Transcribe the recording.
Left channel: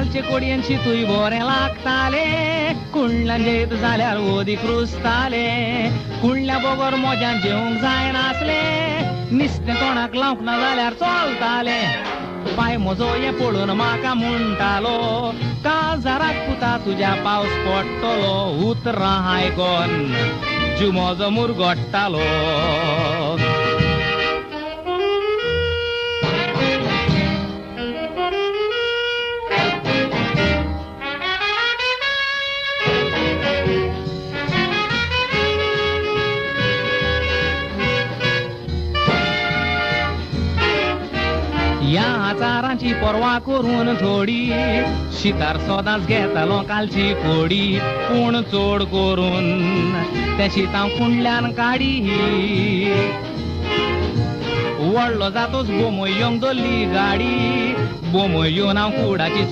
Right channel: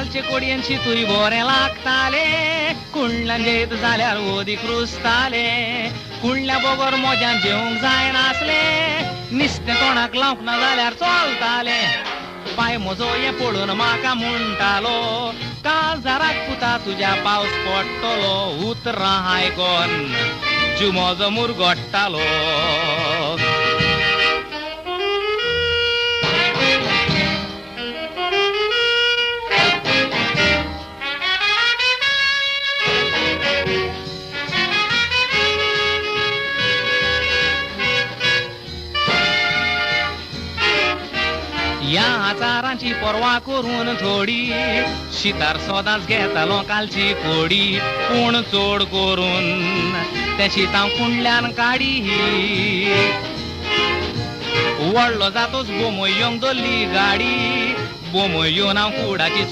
कालचे कोडयांची तुई बरें लागताले कुंडल्यान जेत जाल्यार ओदीक रुजताले कुंडल्या बरोबर मोज्यान जेवंक जाय नासले निस्तें तोंडाक लावंक ना जाल्यार चलताले पाय म्हजो हें पळोवन म्हाका म्हणटालो काळजाराक पुता तुज्या पावस पडटलो उतरां आयकोन जीव म्हजो मुरगोडटालो ह्या आचारांची पर्वा करून थोडी शितार सदांच घेतालो कालची कोडी पूण चड करून ते शीत हांव कुंडल्यान काडी व्हडलो जातोच बोमो येवंक दोल्ली गाडी बोमो येवन हांव कुडाची